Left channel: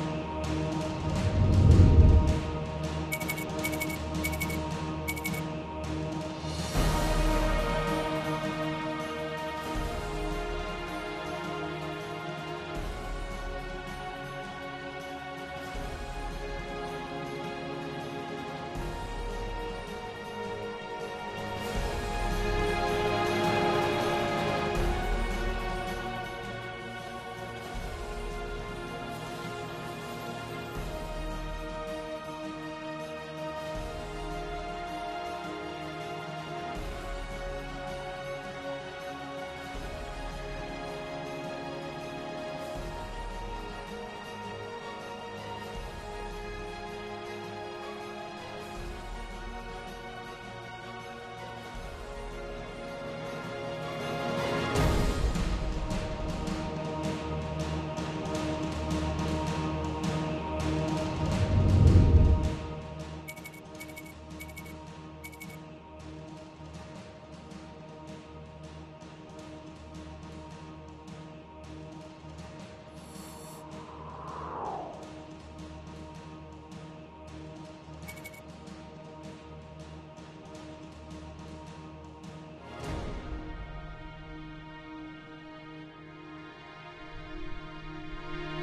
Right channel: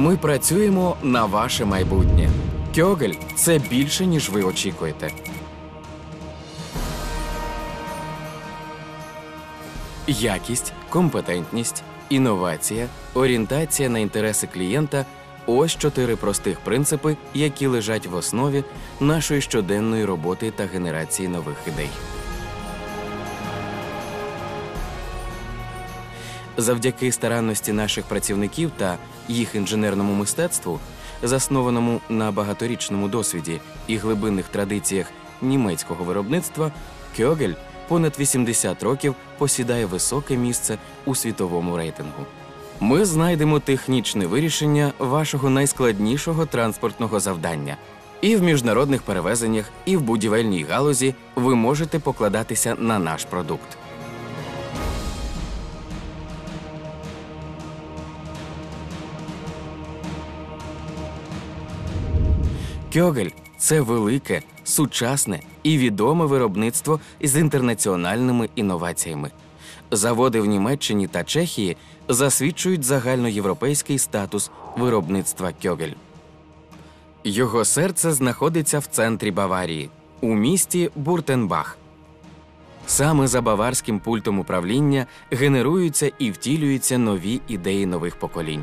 Ми працюємо на ваше майбутнє. Кьогель це більше, ніж ви очікуєте. Якість, компетентність, інновація, орієнтація на інтереси клієнта ось чотири простих принципи, які лежать в основі нашої щоденної роботи та генерації нових ідей. Завдяки старанності наших працівників та їх інженерному мистецтву, заснованому на багаторічному досвіді і глибинних традиціях німецького виробництва, Кьогель понад 80 років посідає високе місце у світовому рейтингу. Ми знайдемо технічне вирішення вашого найскладнішого транспортного завдання. І в міжнародних перевезеннях, і в будівельній галузі ви можете покладатися на наш продукт. Кьогель це велике, сучасне і відоме виробництво з інтернаціональними інноваціями. Заводи в Німеччині та Чехії засвідчують загальноєвропейський статус виробництва Кьогель. Його серце знаходиться в центрі Баварії, у місті Буртенбах. Саме за баварським пультом управління генеруються і втілюються нові ідеї нових поколінь.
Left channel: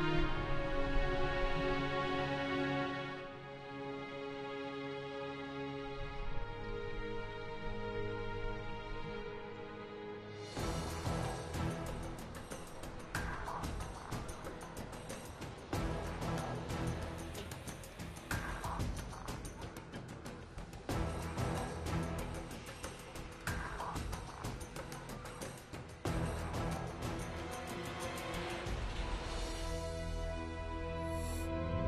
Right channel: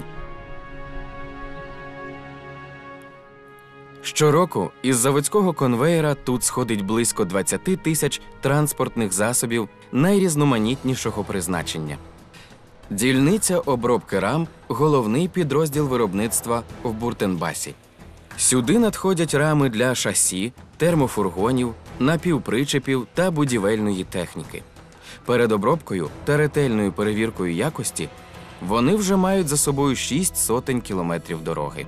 Щороку із заводського конвеєра тут сходить близько 20 тисяч транспортних засобів найрізноманітнішого призначення. Дільниця обробки рам головний підрозділ виробництва в Буртенбасі. Сюди надходять рами для шасі, термофургонів, напівпричепів та будівельної техніки. Перед обробкою та ретельною перевіркою якості вони вже мають за собою 6 сотень кілометрів дороги.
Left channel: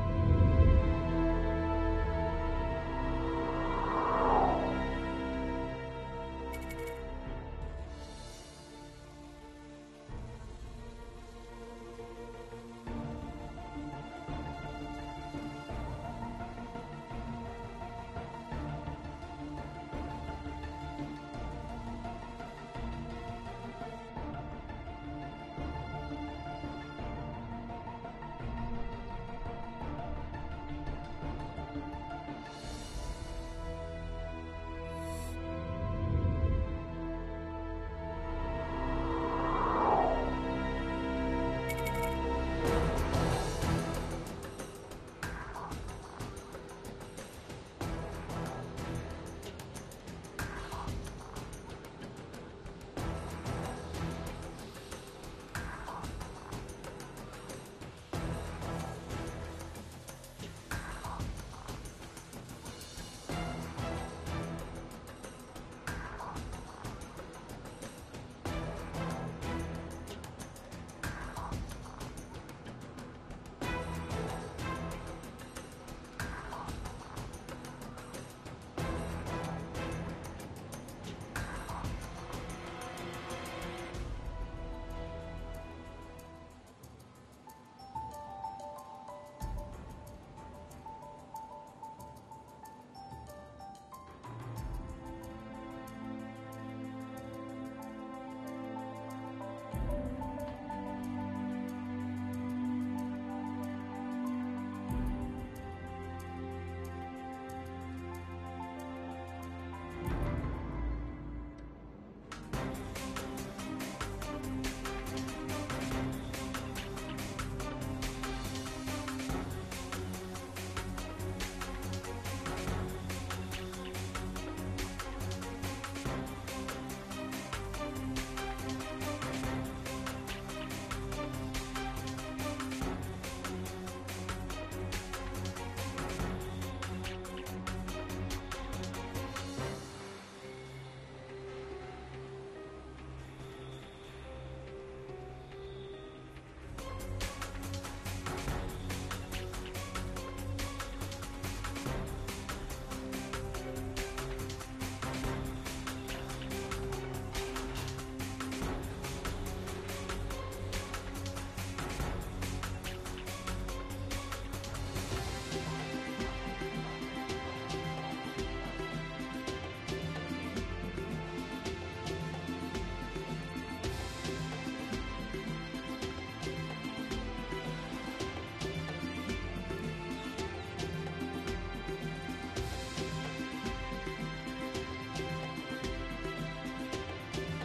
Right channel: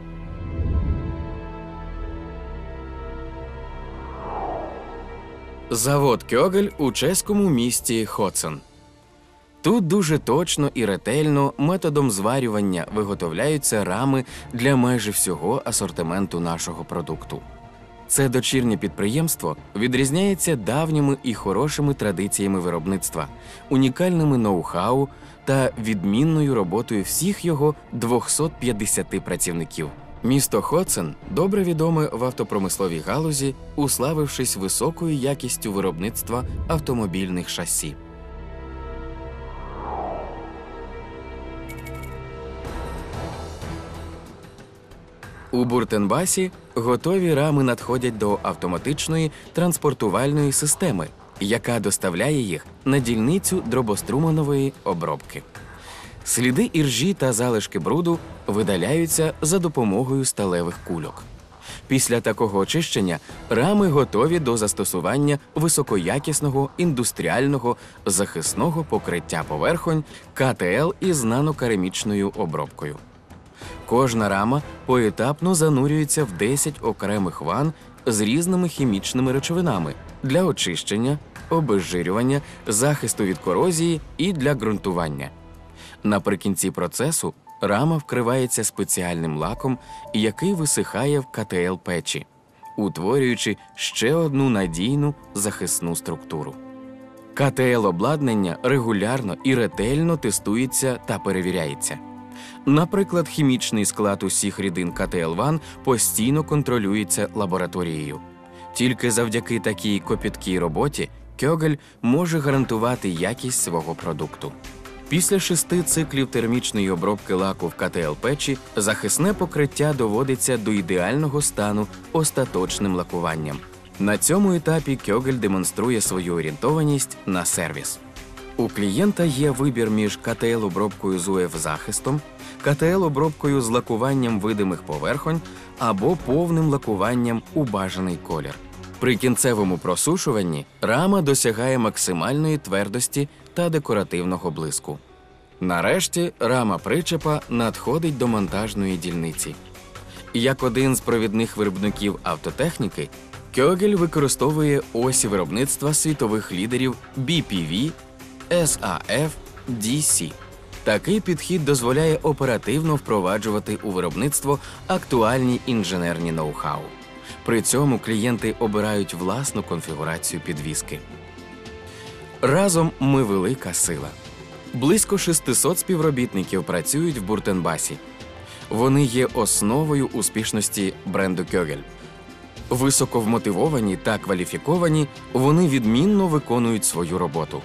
Завод Кьогель у чеському місті Хоцен. Тут дуже точно і ретельно методом зварювання виготовляються рами для майже всього асортименту нашого продукту. Це дочірнє підприємство відрізняється давніми і хорошими традиціями виробництва, унікальними ноу-хау та відмінною роботою всіх його 250 працівників. Місто Хоцен добре відоме в автопромисловій галузі, уславившись високою якістю виробництва автомобільних шасі. У Буртенбасі готові рами надходять до автоматичної транспортувальної системи, яка доставляє їх на дільницю дробоструманової обробки. Сліди іржі та залишки бруду видаляються за допомогою сталевих кульок. Після такого очищення рами готові до застосування високоякісного індустріального захисного покриття поверхонь КТЛ із нанокерамічною обробкою. Кожна рама поетапно занурюється в 10 окремих ван з різними хімічними речовинами для очищення, обезжирювання, захисту від корозії і для ґрунтування. Наприкінці процесу рама вкривається спеціальним лаком, який висихає в КТЛ печі, утворюючи ще одну надійну захисну структуру. КТЛ обладнання регулярно і ретельно тестується та перевіряється. Наприклад, хімічний склад усіх рідин КТЛ-1 постійно контролюється лабораторією. Тільки завдяки такій копіткій роботі Кьогель може гарантувати якість свого продукту. Після шести циклів термічної обробки лаку в КТЛ печі захисне покриття доводиться до ідеального стану остаточним лакуванням. На цьому етапі Кьогель демонструє свою орієнтованість на сервіс. У клієнта є вибір між КТЛ-обробкою з УФ-захистом, КТЛ-обробкою з лакуванням видимих поверхонь або повним лакуванням у бажаний колір. При кінцевому просушуванні рама досягає максимальної твердості та декоративного блиску. Нарешті рама причепа надходить до монтажної дільниці. Як один з провідних виробників автотехніки, Кьогель використовує осі виробництва світових лідерів BPV, SAF, DC. Такий підхід дозволяє оперативно впроваджувати у виробництво актуальні інженерні ноу-хау. При цьому клієнти обирають власну конфігурацію підвіски. Разом ми велика сила. Близько 600 співробітників працюють в Буртенбасі. Вони є основою успішності бренду Кьогель. Високо вмотивовані та кваліфіковані, вони відмінно виконують свою роботу.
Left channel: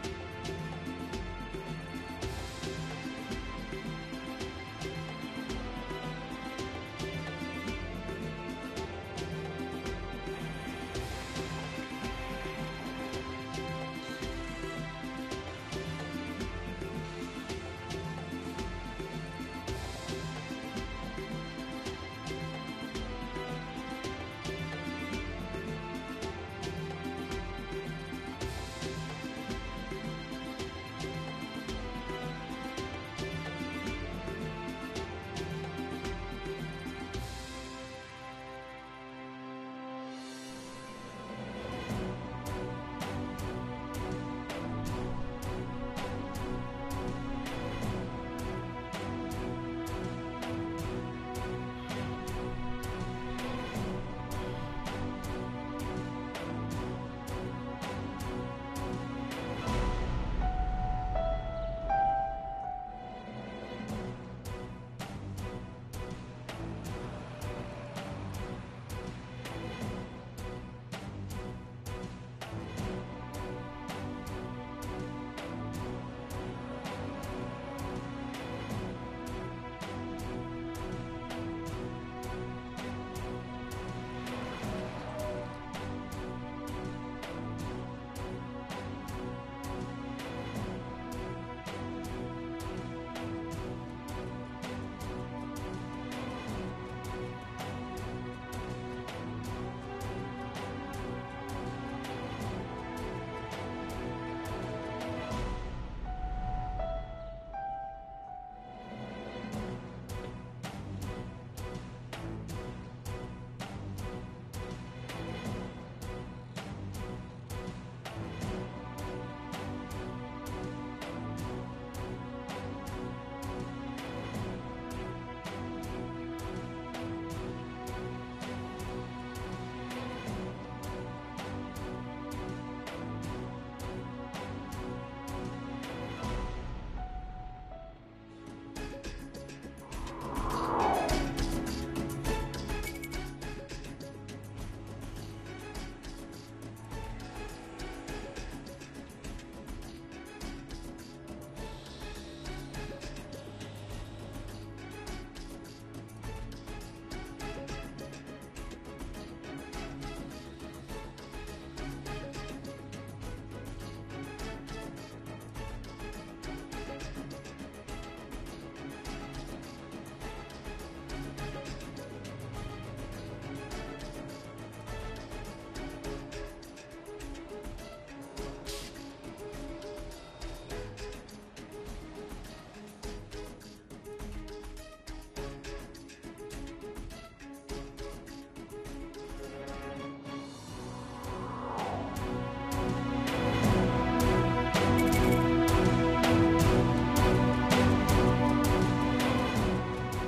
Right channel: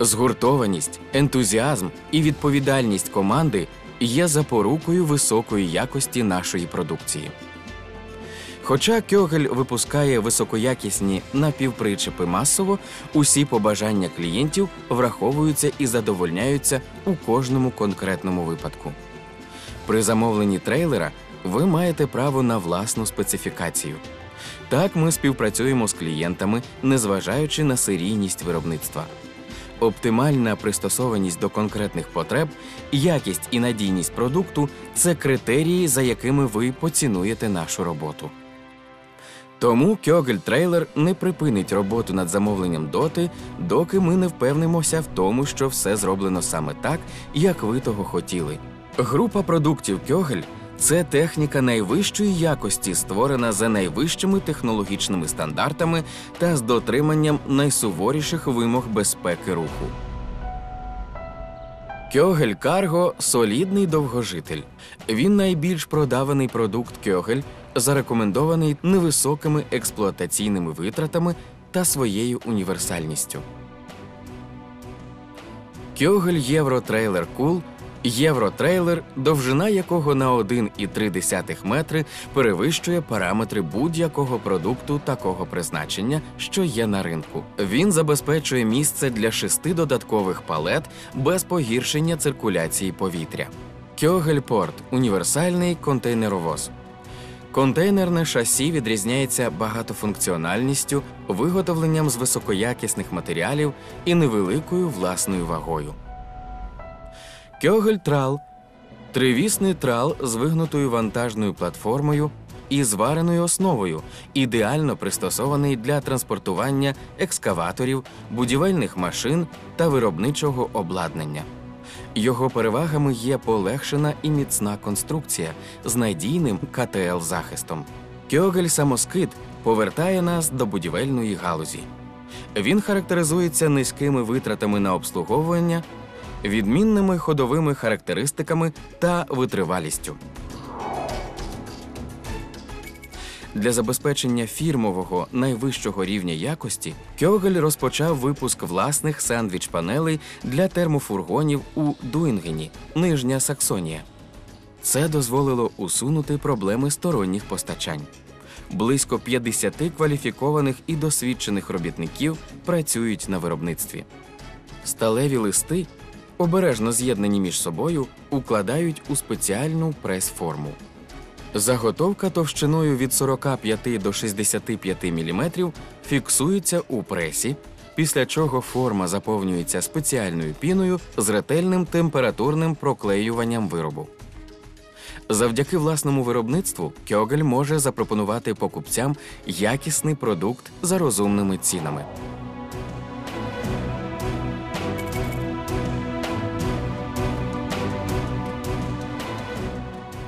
Згуртованість, ентузіазм і відповідальність команди є запорукою високої якості нашої продукції. Хоча Кьогель випускає високоякісні напівпричепи масово, усі побажання клієнтів враховуються і задовольняються у кожному конкретному випадку. При замовленні трейлера ви маєте право на власну специфікацію. Так ми співпрацюємо з клієнтами, незважаючи на серійність виробництва. Оптимальна пристосованість до конкретних потреб, якість і надійність продукту це критерії, за якими ви поцінуєте нашу роботу. Тому Кьогель трейлер не припинить роботу над замовленням доти, доки ми не впевнимося в тому, що все зроблено саме так, як ви того хотіли. Група продуктів Кьогель це техніка найвищої якості, створена за найвищими технологічними стандартами та з дотриманням найсуворіших вимог безпеки руху. Кьогель Карго солідний довгожитель. Він найбільш продаваний продукт Кьогель, зарекомендований невисокими експлуатаційними витратами та своєю універсальністю. Кьогель Євротрейлер Кул Євротрейлер, довжина якого на 1,3 метри перевищує параметри будь-якого продукту такого призначення, що є на ринку. Він забезпечує місце для шести додаткових палет без погіршення циркуляції повітря. Кьогельпорт універсальний контейнеровоз. Контейнерне шасі відрізняється багатофункціональністю, виготовленням з високоякісних матеріалів і невеликою власною вагою. Кьогель трал тривісний трал з вигнутою вантажною платформою і звареною основою, ідеально пристосований для транспортування екскаваторів, будівельних машин та виробничого обладнання. Його перевагами є полегшена і міцна конструкція з надійним КТЛ захистом. Кьогель самоскид повертає нас до будівельної галузі. Він характеризується низькими витратами на обслуговування, відмінними ходовими характеристиками та витривалістю. Для забезпечення фірмового найвищого рівня якості Кьогель розпочав випуск власних сендвіч-панелей для термофургонів у Дуінгені, Нижня Саксонія. Це дозволило усунути проблеми сторонніх постачань. Близько 50 кваліфікованих і досвідчених робітників працюють на виробництві. Сталеві листи, обережно з'єднані між собою, укладають у спеціальну прес-форму. Заготовка товщиною від 45 до 65 мм фіксується у пресі, після чого форма заповнюється спеціальною піною з ретельним температурним проклеюванням виробу. Завдяки власному виробництву Кьогель може запропонувати покупцям якісний продукт за розумними цінами.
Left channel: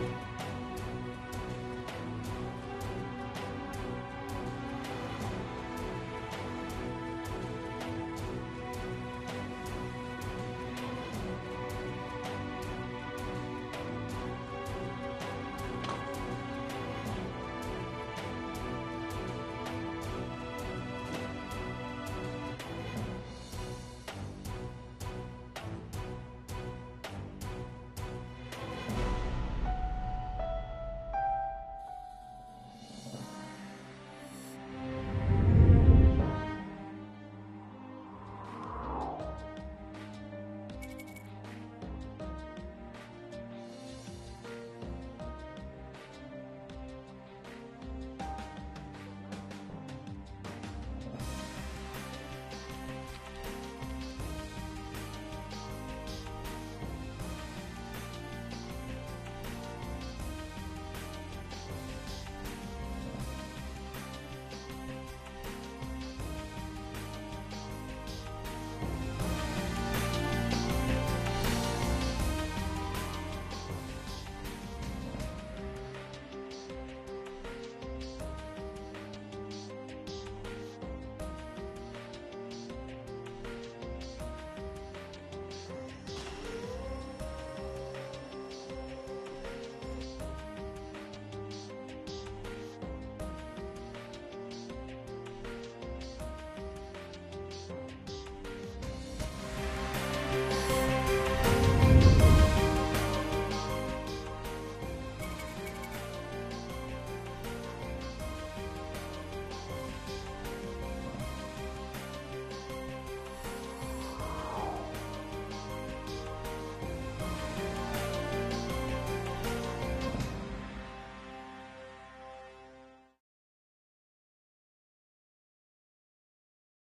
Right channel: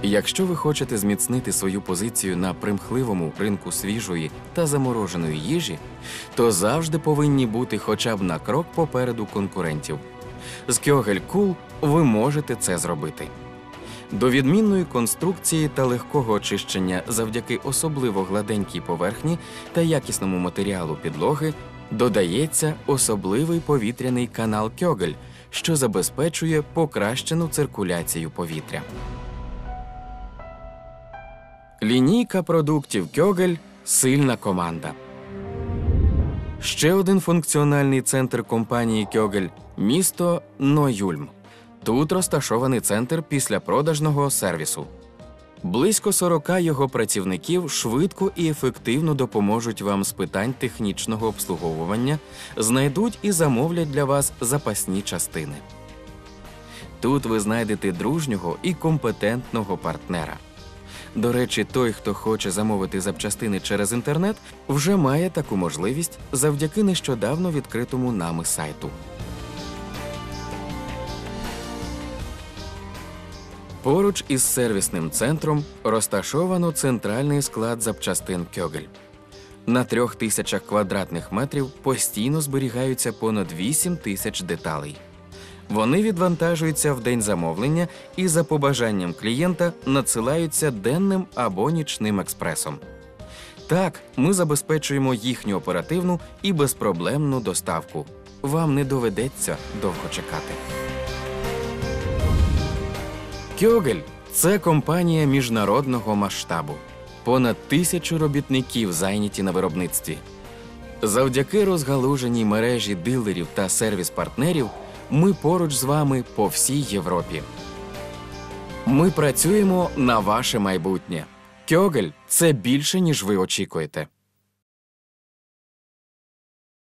Якщо ви хочете зміцнити свою позицію на примхливому ринку свіжої та замороженої їжі, то завжди повинні бути хоча б на крок попереду конкурентів. З Кьогель Кул ви можете це зробити. До відмінної конструкції та легкого очищення завдяки особливо гладенькій поверхні та якісному матеріалу підлоги додається особливий повітряний канал Кьогель, що забезпечує покращену циркуляцію повітря. Лінійка продуктів Кьогель сильна команда. Ще один функціональний центр компанії Кьогель місто Ноюльм. Тут розташований центр післяпродажного сервісу. Близько 40 його працівників швидко і ефективно допоможуть вам з питань технічного обслуговування, знайдуть і замовлять для вас запасні частини. Тут ви знайдете дружнього і компетентного партнера. До речі, той, хто хоче замовити запчастини через інтернет, вже має таку можливість завдяки нещодавно відкритому нами сайту. Поруч із сервісним центром розташовано центральний склад запчастин Кьогель. На трьох тисячах квадратних метрів постійно зберігаються понад 8 тисяч деталей. Вони відвантажуються в день замовлення і за побажанням клієнта надсилаються денним або нічним експресом. Так, ми забезпечуємо їхню оперативну і безпроблемну доставку. Вам не доведеться довго чекати. Кьогель це компанія міжнародного масштабу. Понад тисячу робітників зайняті на виробництві. Завдяки розгалуженій мережі дилерів та сервіс-партнерів ми поруч з вами по всій Європі. Ми працюємо на ваше майбутнє. Кьогель це більше, ніж ви очікуєте.